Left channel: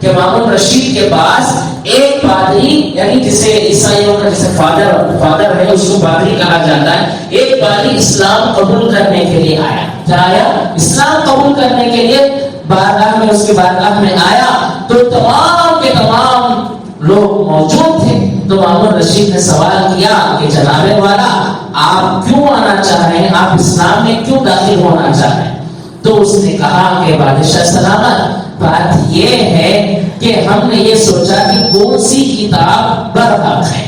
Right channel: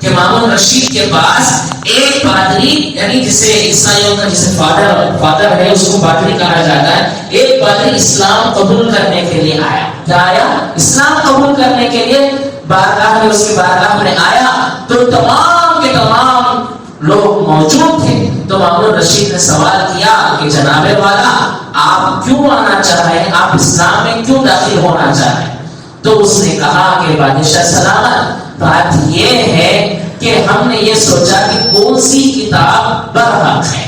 کہ مامون رشید کے پاس ایک پادری، یعنی جسے عیسائیوں کا جسے فادر ہے اس کو پادری کہا جاتا ہے، ایک پادری اسلام قبول کرنے کے لیے آیا. کیا آیا؟ اسلام قبول کرنے کے لیے بارگاہ میں، اس کی بارگاہ میں آیا تو تمام کے تمام لوگ موجود تھے. تو مامون رشید نے سوال کیا کہ جناب والا آپ کیوں آنا چاہ رہے ہیں، آپ اسلام میں کیوں داخل ہونا چاہ رہے ہیں؟ تو اس نے کہا کہ بادشاہ سلامت، بات یہ ہے کہ ہم نے یہ سوچا کہ کون سی کتاب برحق ہے.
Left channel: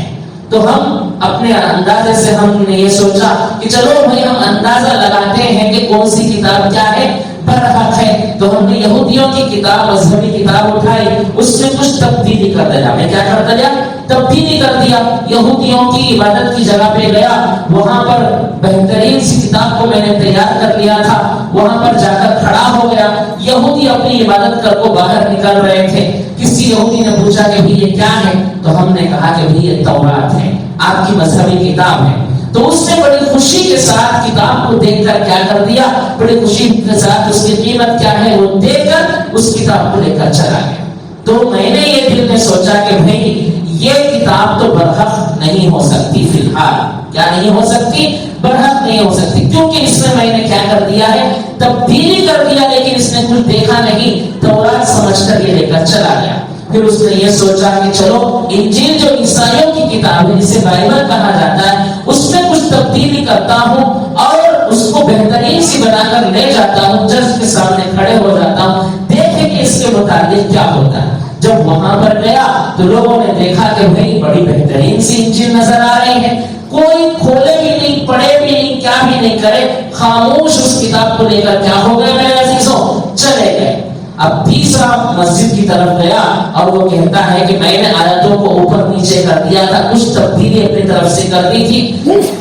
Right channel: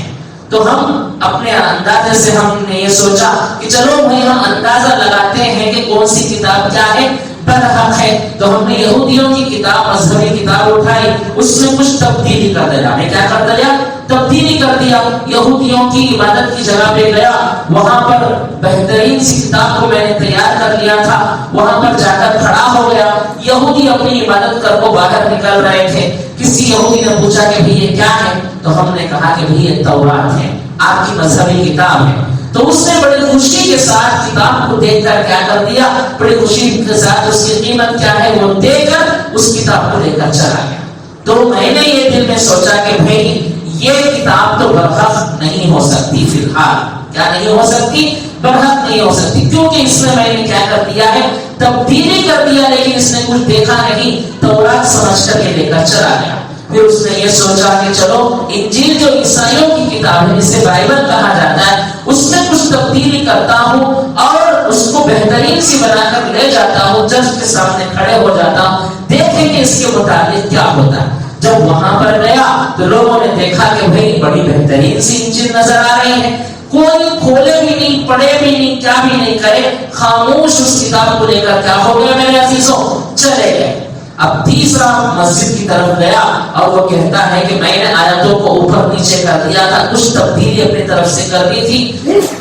تو ہم اپنے اندازے سے ہم نے یہ سوچا کہ چلو بھائی ہم اندازہ لگاتے ہیں کہ کون سی کتاب کیا ہے، برحق ہے. تو ہم نے یہودیوں کی کتاب، مذہبی کتاب اٹھائی، اس میں کچھ تبدیلی کر دیا. میں کیا کر دیا؟ تبدیلی کر دیا. یہودیوں کی عبادت کی جگہ پہ گیا، وہاں پر بہترین سی کتاب کو میں نے تیار کر لیا تھا، وہاں پر جا کر کھڑا ہو گیا. یہودی اپنی عبادت کر کو باہر نکل رہے تھے. کسی یہودی نے پوچھا کہ بھی یہ کیا ہے؟ تو ہم نے کہا کہ بھی یہ تورات ہے، آپ کی مذہبی کتاب ہے. تو اس نے بڑی خوشی کے ساتھ کتاب کو دیکھ کر کیا کر دیا، بڑی خوشی کے ساتھ اس کی قیمت کیا ہے وہ دے کر اس کتاب کو لے کر چلا گیا. تو میں نے یہ دل میں سوچا کہ بھئی یہ کتاب تو برحق نہیں ہو سکتی، فی الحال کیا نہیں ہو سکتی، برحق نہیں ہو سکتی، کیونکہ اس میں نے کیا کر دیا ہے، تبدیلی کر دیا. لیکن اس نے کچھ دیکھا نہیں، تورات سمجھ کر یہ لے کر چلا گیا. پھر اس نے یہ سوچا کہ چلو انجیل جو عیسائیوں کی کتاب ہے جسے بائبل کہا جاتا ہے، اس میں کچھ تبدیلی کرتا ہوں اور اس کو بہترین سی بنا کر لے جاتا ہوں، جج کے سامنے کھڑے ہو جاتا ہوں، دیکھیں کہ اس کے متعلق کیا ہوتا ہے. جب وہاں پر گیا تو لوگوں نے دیکھا کہ بھئی بڑی بہترین سی انجیل نظر آ رہی ہے، کوئی کھولے بھی نہیں، پڑھے بھی نہیں، کیا بھی نہیں کرے، خاموش اس کتاب کو لے کر کیا ہو گئے میرے عزیزوں، چلے گئے. اب تیسرا مسجد کی طرف گیا اور وہ کہتا ہے کہ میں نے آیتوں کو اوپر نیچے کر دیا تھا، کچھ تبدیلی اپنی طرف سے کر دی تھی.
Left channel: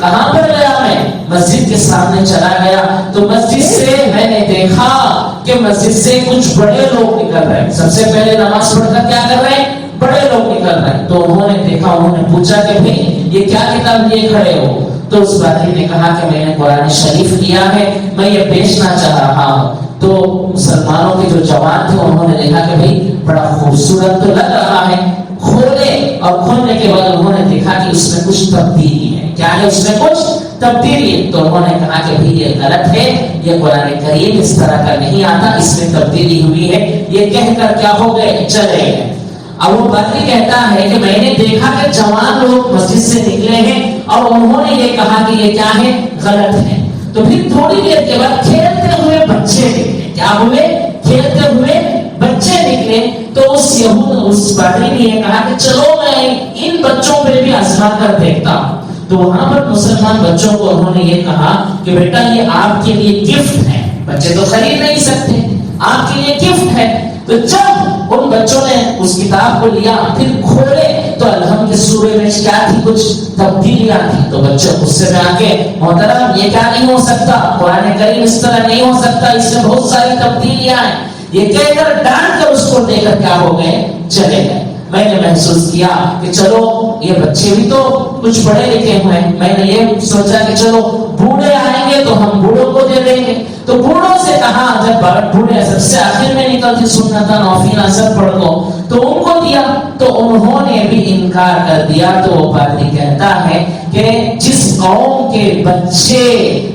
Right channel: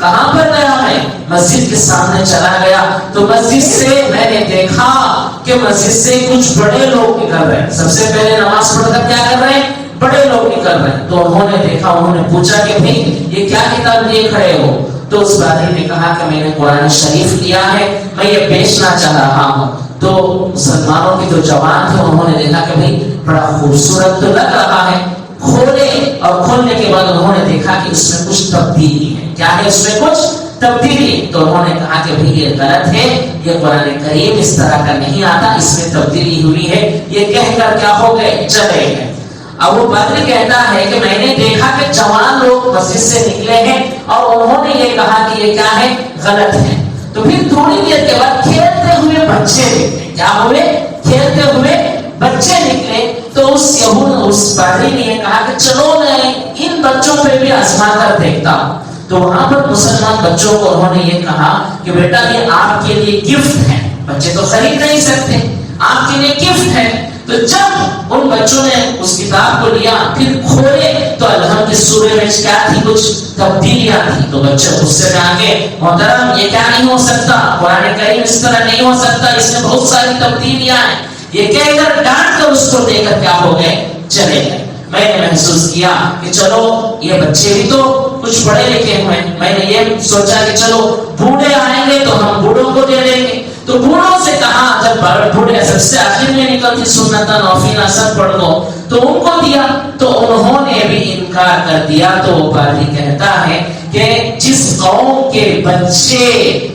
کہاں پر گیا میں؟ مسجد کے سامنے چلا گیا تو مسجد سے میں نے دیکھا کہ مسجد سے کچھ بڑے لوگ نکل رہے ہیں. سب سے پہلے نماز پڑھ کر کیا کر رہے ہیں؟ بڑے لوگ نکل رہے ہیں. تو انہوں نے دیکھا، انہوں نے پوچھا کہ بھئی یہ کیا کتاب لیے کھڑے ہو؟ تو اس بادی نے کہا کہ میں نے قرآن شریف لیا ہے، میں یہ بیچنا چاہ رہا ہوں. تو مسلمانوں کے جو جوان تھے انہوں نے دیکھا کہ بھئی بڑا خوبصورت تو لگ رہا ہے، کھولے اور کھولنے کے بعد انہوں نے دیکھا کہ اس میں کچھ تبدیلی ہے. کیا ہے اس میں؟ کچھ تبدیلی. تو انہوں نے کہا کہ بھئی یہ غلط ہے، یہ قرآن کریم اس طرح کا نہیں آتا، اس میں تبدیلی ہوئی ہے. یہ کہہ کر کیا ہو گئے؟ چلے گئے. اب وہ پادری کہتا ہے کہ میں نے دیکھا کہ جوان لوگ مسجد سے نکلے ہیں اور انہوں نے یہ کہا کہ یہ کیا ہے؟ غلط ہے. تو پھر تھوڑی دیر کے بعد کھیلتے ہوئے بچے نکلے. کیا ہوئے؟ کھیلتے ہوئے بچے نکلے. تو اس پادری نے یہ کہا کہ چلو میں ان بچوں پہ بھی آزما کر دیکھتا ہوں. تو وہاں پر مسلمان بچوں کو انہوں نے یہ کہا کہ بیٹا یہ آپ کے لیے گفٹ ہے، بچے تو خرید نہیں سکتے، آپ کے لیے گفٹ ہے. تو جب ان بچوں نے اس کتاب کو لیا، پھر کھولے تو الحمد کے سورے میں کیا تھی؟ کچھ تبدیلیاں تھی. تو بچے خود سے جا کے محترم یہ کیا نہیں ہو سکتا، قرآن کریم اس طرح نہیں ہو سکتا، اس میں بہت ساری تبدیلیاں ہیں، یہ کہہ کر ڈانٹ کر اس کو دے کر کیا ہو گئے؟ چلے گئے. میں نے محسوس کیا کہ چلو یہ بچے بھی تو کچھ پڑھے لکھے ہوئے. میں نے یہ سوچا کہ چلو بوڑھے آئیں گے تو ہم بوڑھوں کو دے دیں گے. تو بوڑھوں سے کہا، جب بوڑھے سب سے آخر میں نکلتی سنت نوفل سب پڑھ دو، تو ان کو دیا. تو انہوں نے بھی انکار کر دیا. تو وہ پادری کہتا ہے کہ جس قوم کے بچے،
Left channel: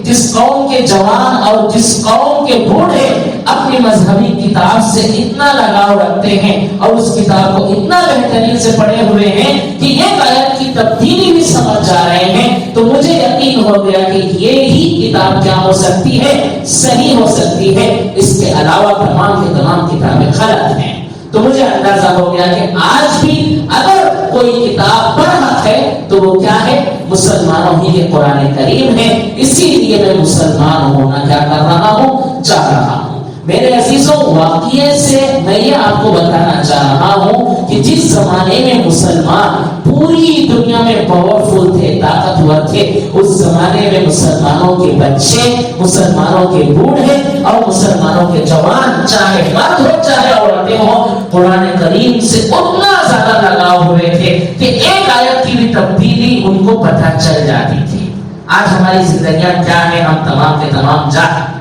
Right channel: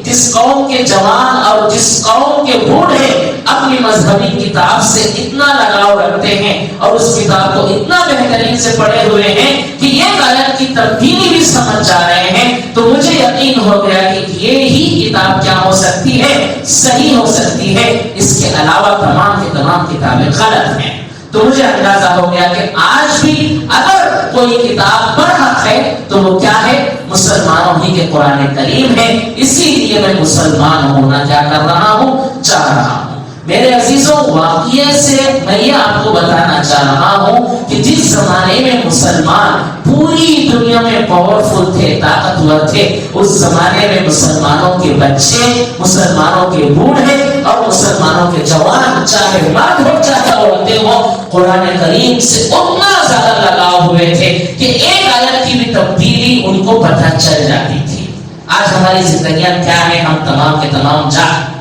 جس قوم کے جوان اور جس قوم کے بوڑھے اپنی مذہبی کتاب سے اتنا لگاؤ رکھتے ہیں اور اس کتاب کو اتنا بہترین سے پڑھے ہوئے ہیں کہ یہ آیت کی تبدیلی بھی سمجھ جا رہے ہیں، تو مجھے یقین ہو گیا کہ یہ ہی کتاب کیا ہو سکتی ہے؟ صحیح ہو سکتی ہے. اس کے علاوہ تمام کی تمام کتابیں غلط ہیں. تو مجھے اندازہ ہو گیا کہ آج بھی اگر کوئی کتاب برحق ہے تو وہ کیا ہے؟ مسلمانوں ہی کے قرآن کریم ہے. اسی لیے میں مسلمان ہونا کیا کر رہا ہوں؟ چاہ رہا ہوں. میرے عزیزوں، واقعے سے میں یہ آپ کو بتانا چاہ رہا ہوں کہ جس زمانے میں مسلمان پوری دنیا میں پاورفل تھے، طاقتور تھے، اس زمانے میں مسلمانوں کے بچے، مسلمانوں کے بوڑھے اور مسلمانوں کے جوان، چاہے مرد ہو چاہے عورتیں ہو، قرآن کریم سے اتنا زیادہ لگاؤ ہوئے تھے کہ ایک آیت کی بھی تبدیلی ان کو پتہ چل جاتی تھی. آج ہماری زندگیاں کیا ہیں ہم تمام کے تمام جانتے.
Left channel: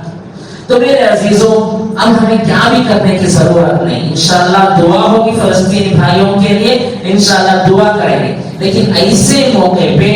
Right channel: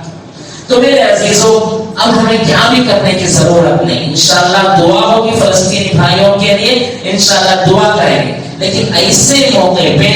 تو میرے عزیزوں، اب ہمیں کیا بھی کرنے کی ضرورت نہیں، انشاءاللہ دعا ہوگی فلسطینی بھائیوں کے لیے، انشاءاللہ دعا کریں گے، لیکن ایسے موقع پہ